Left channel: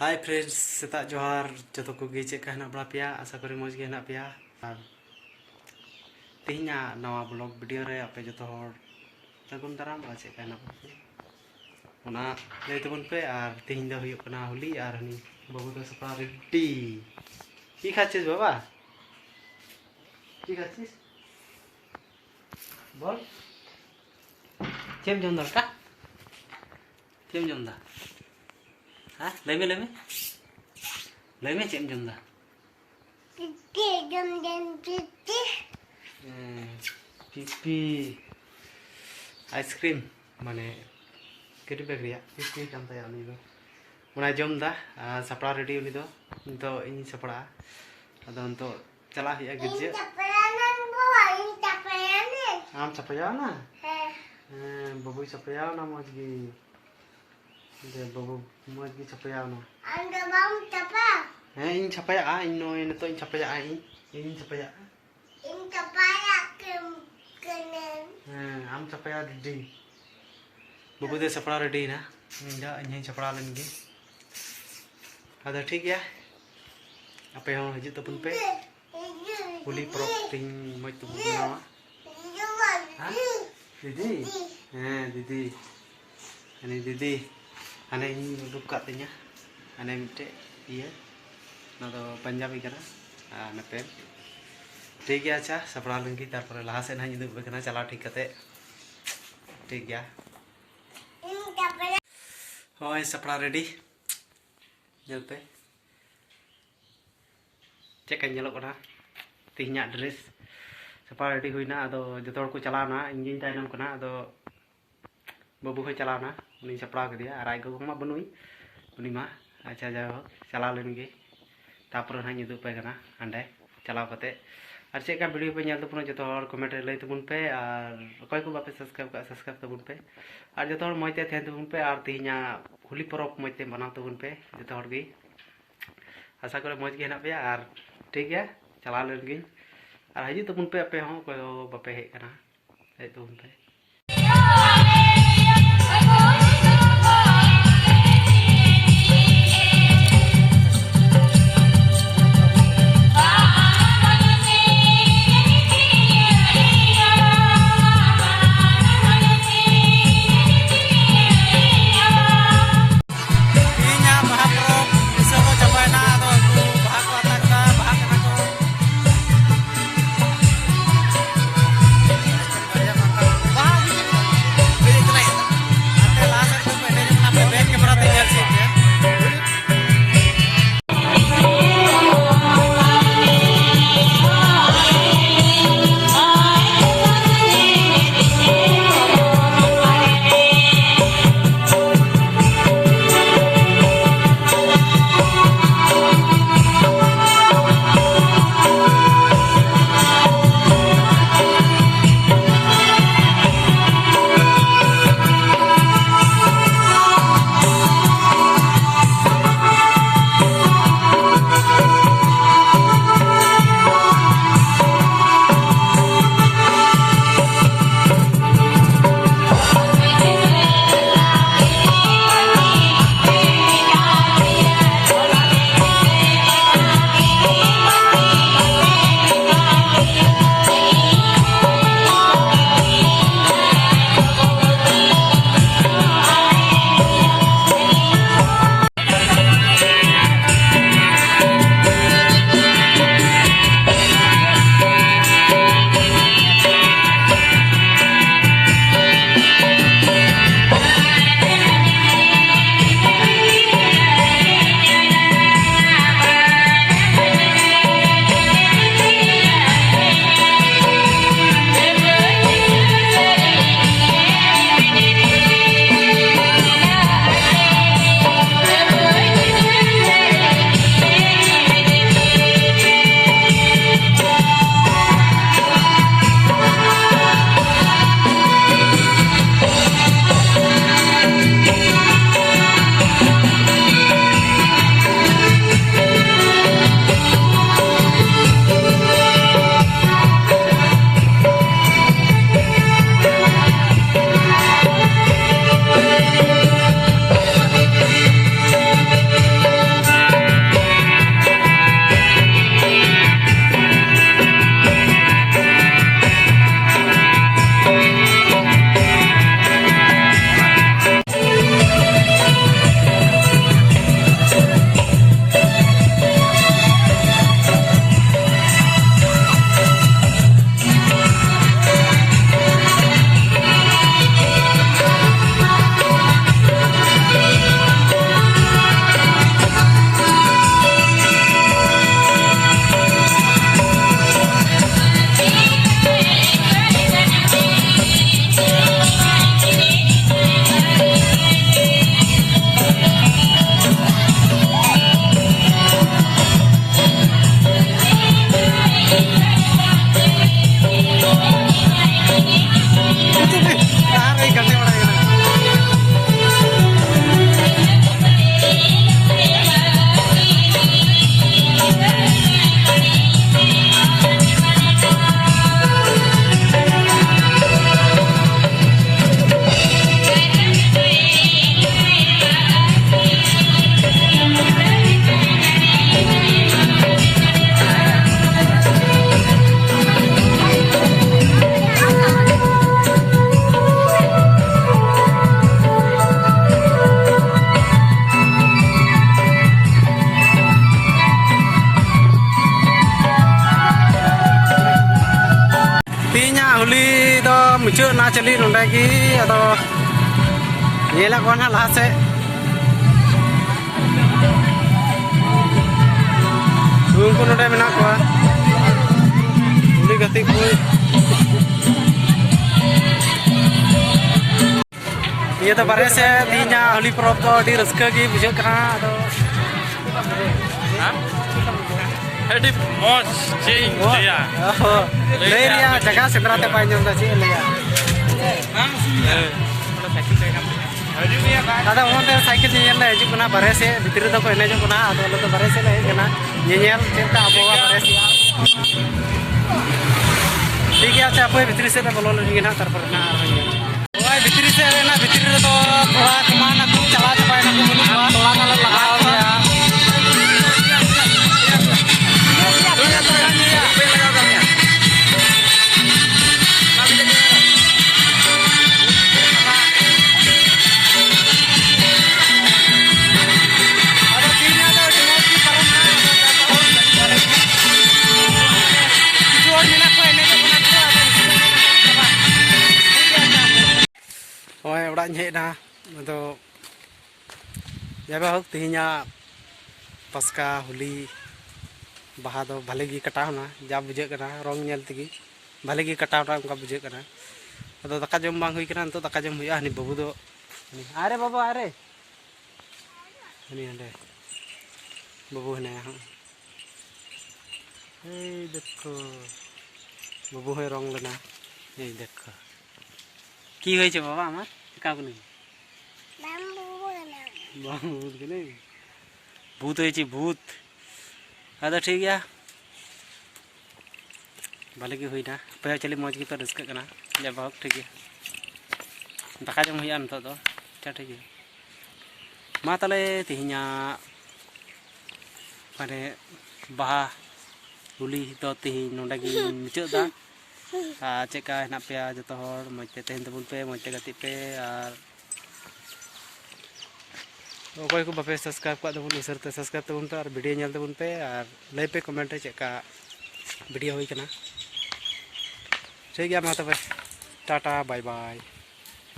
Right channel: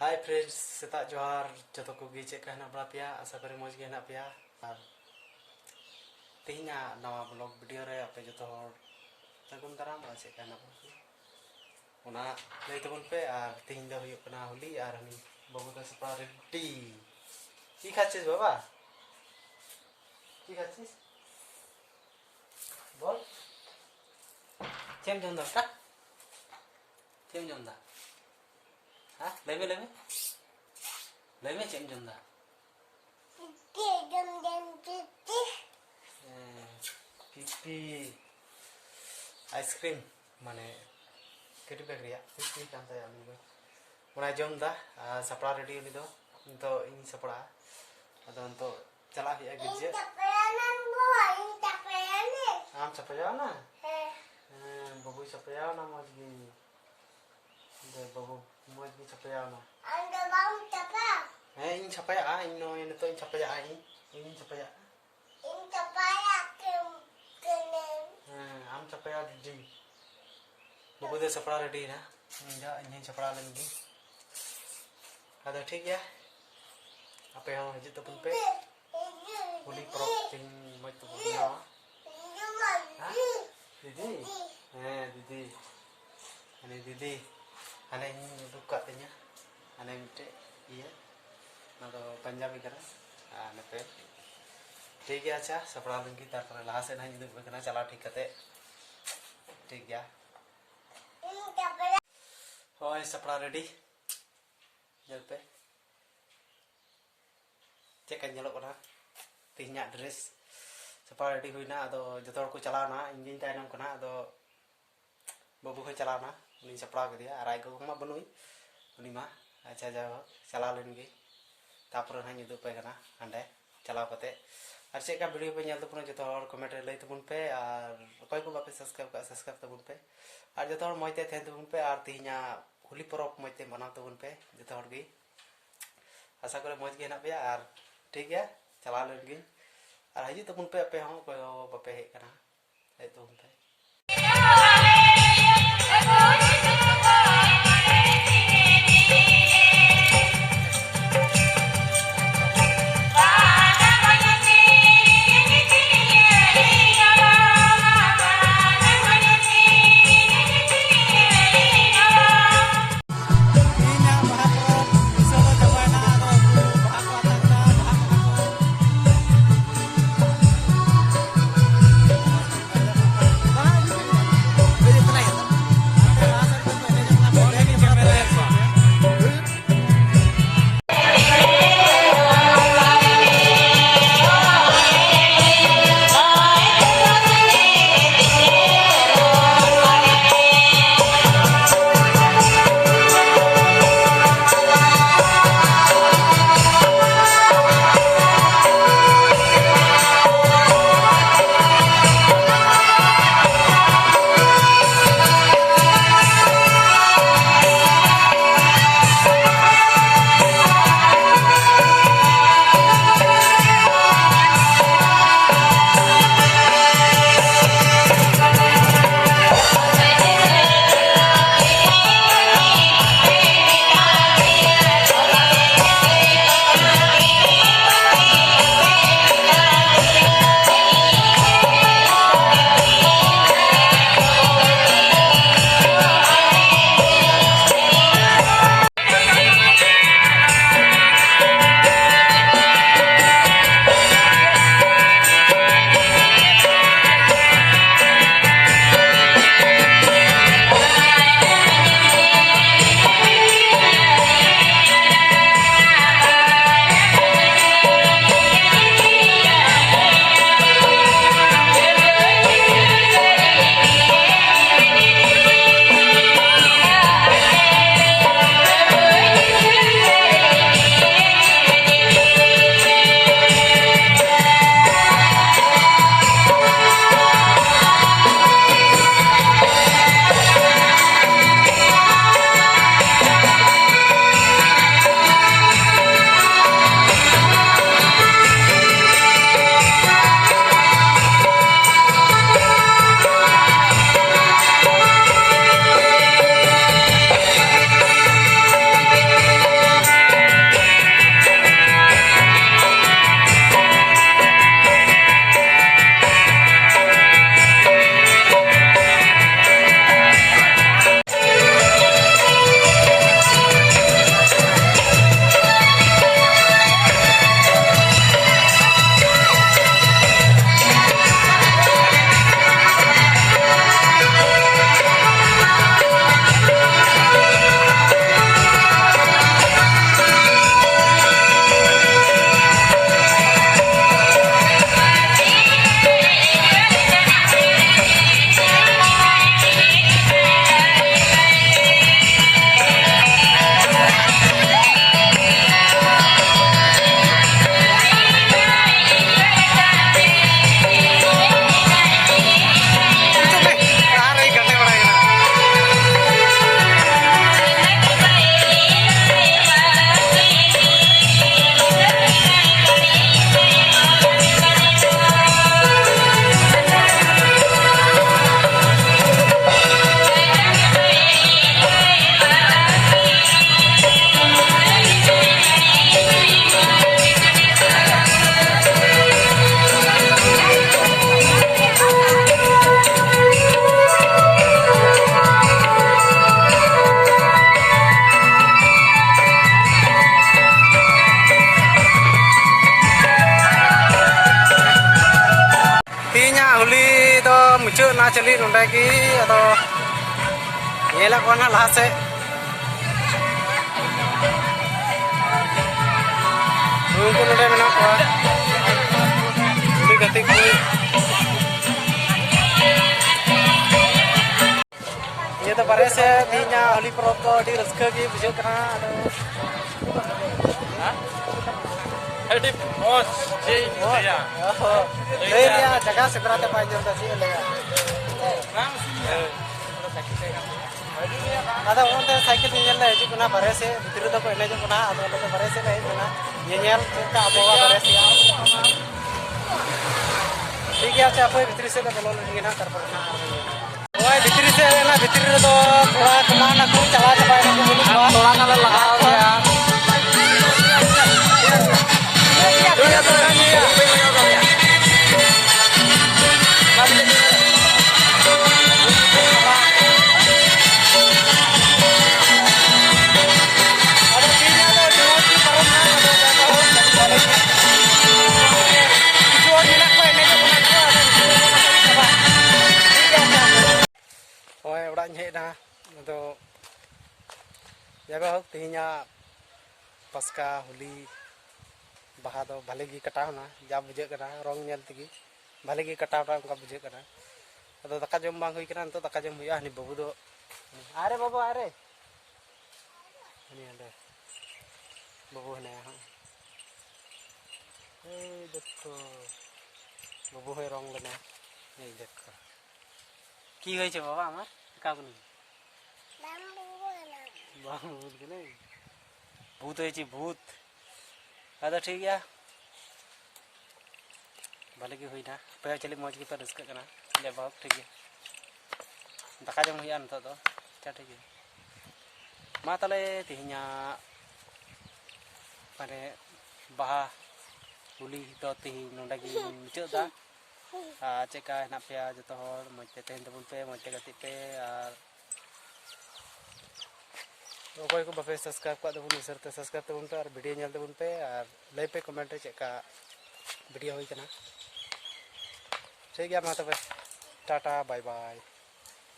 Hi friends सेता जोहार जो को चेक हेना बड़ा पे आशा करी मज के हेना पे और तेहना नवा ब्लॉग वीडियो रे आपे जो सगुन दाराम और चेक हेना ओना लय तबन पे और तेहन दो हुयो कना होली और हनी बाबू तो सपा रेडी की खाचिस बाबा की खाचिस बोल चेम जमदा का चेम जमदा हाँ लेमे चेम जमदा पिपी आइसक्रीम माने केटी बैग रिया पिपी कान ताया उनी दो उना जमदा सपड़ा रेडी उनी दो तो इन सपड़ा अदो तो चला हिया गिरजे आम सपया ना बाबू सपया ना मजगी दे बाबू मजगी सपया ना अंदर बाम चपा इन सपया इन नो इन तो इन सपया आम सपया दी बाबू दे सपड़ा रेडी ना जा इन सपड़ा लेनगी अदा ठीक है आपे हो हजू तपन पे होली परब तीन मज तो बनावा दीदी दीदी हने दीदी हने उडुक कातिnya हने मिटे इया ना तो पंजाबी करा नते ठीक है अच्छा सपड़ा लंगी तारपर लहा से ना दुब बेकना चला ठीक कते ठीक गया होय सपड़ा रेडी जल पे चेक ñelo कना तिहना ड्रेस सपा रेडी हुईना अदो जतो को चलाना इंजिन तायनम कना अदो बाबू हो चलाना उनी सपड़ा के दिया आराय को मा बनुई उनी मा अच्छा जाओ चला लेनगे तापर ना दुब पे कना अंडे चलाव कते और चेक वीडियो पे ñel तबन जतो कमेंट लय तबन पे और अकय को बापे सब्सक्राइब तबन पे और जतो मजते थेन तबन पे और तिहना होली परब मजते मनाव तबन पे जतो गी आशा करे मज के हेना पे और ठीक है चला लेनगे और हजू तबन पे आपे हो कोई बापे हेज कना हेज तबन पे मुचाद ना चली नोडे की अदो येला को ना लहा से उनको नोडे मेना को उनी गति को ये तो बारे से तीना होली पर्व तो डी रस्का की बुझे कना अदो हां हेडी मोस चेंज लिया ले लिया जगह सेंद्रा ते पाई जम दा ची लेया दादा उनते साइकिल नियल ले हिजु कना बारे से भितर दो को एनेजो कना अदो लो तो बारे से ले कना नियल चेता अबवा बारे से ठीक है अच्छा अपोय भितर से बोलो लगी ना तरपर ना आर ओय भितर से ना भितर तो थोड़ा कमान को चला चपाय ना को बोलू थोड़ा माला लगा गया हेना तो जब हक तीना पस्का होली बाहा दो भले गी कटावना जा बुझे कना रंग नेल तगी भले गी कटावना उनका बुझे कना अदो दाका जम बांग हुई कना तो दाका जम हुआ हनी बाबू दो अरे बाबू अरे हनी हंडे बाबू हने हां ए देखो बाबू है रंग लेना ए देखो की होई छे बाबा हमार का को नहीं भूत के नहीं भूत होई भूत अदा ठीक गया भले की हुई ना पे चली मौज की पे रस्क कना ले बहुत ठीक है दाका जम हुई तो अच्छा ठीक है मा तले तिहिना माने बाहा होली तो तिहि नोडा की मुचादा चेका हेना पे जो हर मजते तेहन तबुन पे मजते गति पे और अकय को बापे सब्सक्राइब का तबुन उसरते सब्सक्राइब तबुन पे और वीडियो नेल तबुन पे और लय पे कमेंट चेका वीडियो हुई कना ठीक गया मा तबे टाटा बाय बाय।